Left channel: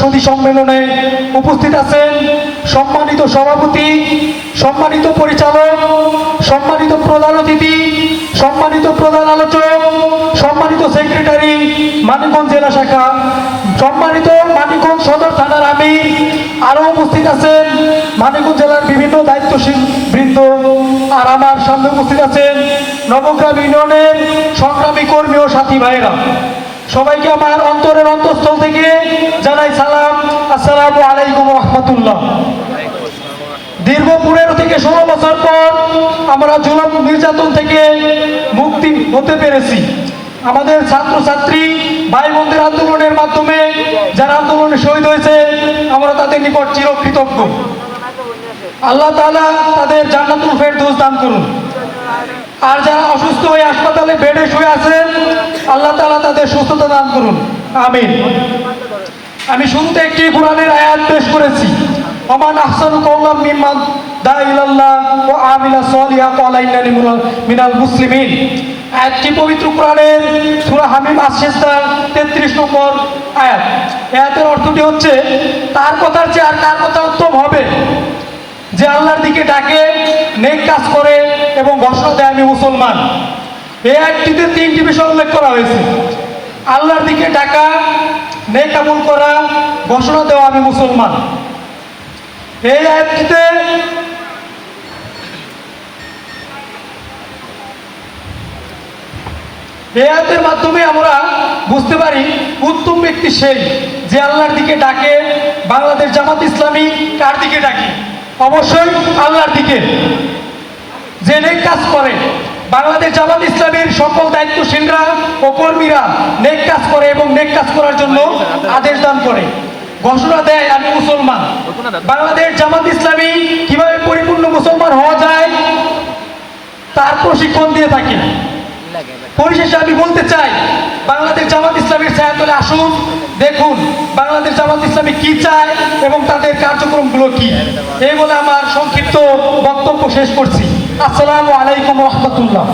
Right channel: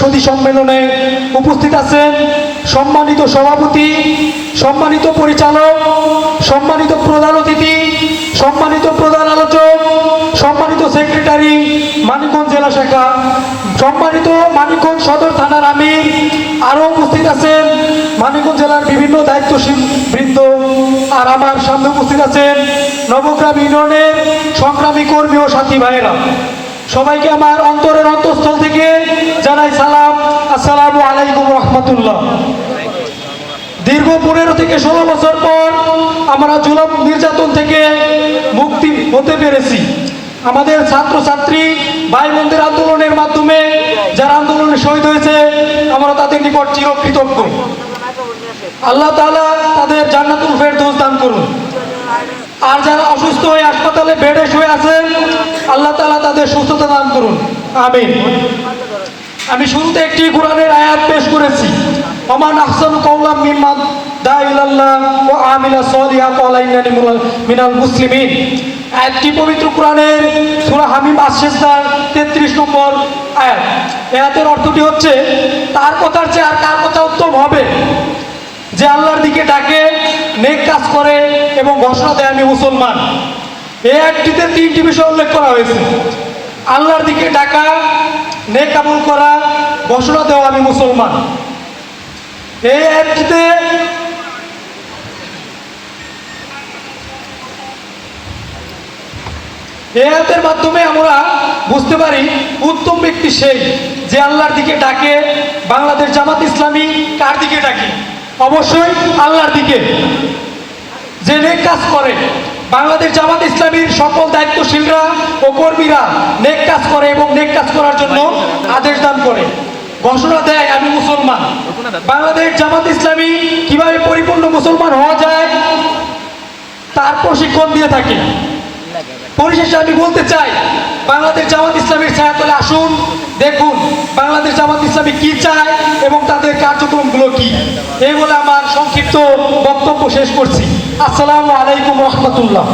সতী সম্মেলনে উপস্থিত আছেন সম্মানিত সভাপতি, সম্মানিত পরিচালক, সম্মানিত প্রধান অতিথি, সম্মানিত প্রধান আলোচক, সম্মানিত সেক্রেটারি মানিকগঞ্জ জেলা শাখা, সম্মানিত মানিকগঞ্জ সদর থানার আমির আরও উপস্থিত আছেন মানিকগঞ্জ জেলার বিভিন্ন দায়িত্বশীল বৃন্দ। আর আমার সামনে উপস্থিত আছেন নবগ্রাম ইউনিয়নের সংগ্রামী কর্মী ও সাথী ভাইয়েরা। সবাইকে আমার অন্তরের আসসালামু আলাইকুম রহমতুল্লাহ। দীর্ঘ পনেরো থেকে ষোলো বছর পর আমরা জুলম নির্যাতন থেকে মুক্তি হতে পেরেছি। আমাদের ছাত্রছাত্রী ভাই বোনদের আন্দোলনের মাধ্যমে যারা আন্দোলনে শহীদ হয়েছে, আমরা তাদের নিকট চিরকৃতজ্ঞ। আল্লাহ তাআলা তাদের জান্নাতুল ফেরদৌস দান করুন। আর যারা অসুস্থ হয়ে হাসপাতালে বেডে শুয়ে আছেন, আল্লাহ তাআলা তাদের সুস্থতা দান করুন। আমিন। আমি শুরুতে একটি কোরআনের আয়াত পেশ করেছি। ওমান আহসান কওলাম মিম্মান দা ইলাল্লাহ ওয়া আমিলা সালিহা ক্বালা ইন্নানি মিনাল- মুসলিমিন। আয়াতটি পবিত্র কোরআনের সূরা হামিম আস-সিজদার 33 নম্বর আয়াত। আয়াতের অর্থটি হচ্ছে, তার কথার চেয়ে আর কার কথা উত্তম হবে? যে আল্লাহর দিকে ডাকে, নেক কাজ করে এবং ঘোষণা দেয়, আমি মুসলমান। এই একটিতে তিনটি বিষয় উল্লেখ করা হয়েছে। আল্লাহর দিকে ডাকা নেক করা ঘোষণা দেওয়া আমি মুসলমান। এই একটিতে এই আয়াতের মাধ্যমে আমরা বুঝতে পারি, উত্তম ব্যক্তি সেই যে আল্লাহর দিকে ডাকে, বাংলাদেশ জামাত ইসলামী কার দিকে ডাকে? অবশ্যই আল্লাহর দিকে। যে নেক কাজ করে, বাংলাদেশ জামাত ইসলামীর সকল দায়িত্বশীলরা ও কর্মীরা নেক কাজ করে এবং নেক কাজ করার জন্য আদেশ দান করে ঘোষণা দেয়, আমি মুসলমান। বাংলাদেশ জামাত ইসলামী কীভাবে পরিপূর্ণ মুসলমান হওয়া যায় তার প্রশিক্ষণ দিয়ে থাকে পরিশেষে আমি বলতে চাই, বাংলাদেশ জামাত ইসলামের ছায়াতলে আসুন, দেখুন বাংলাদেশ জামাত ইসলামী কি চায় এবং তাদের কার্যক্রমগুলো কি। এই বলে আমার সংক্ষিপ্ত বক্তব্য শেষ করছি। আসসালামু আলাইকুম রহমতুল্লাহ।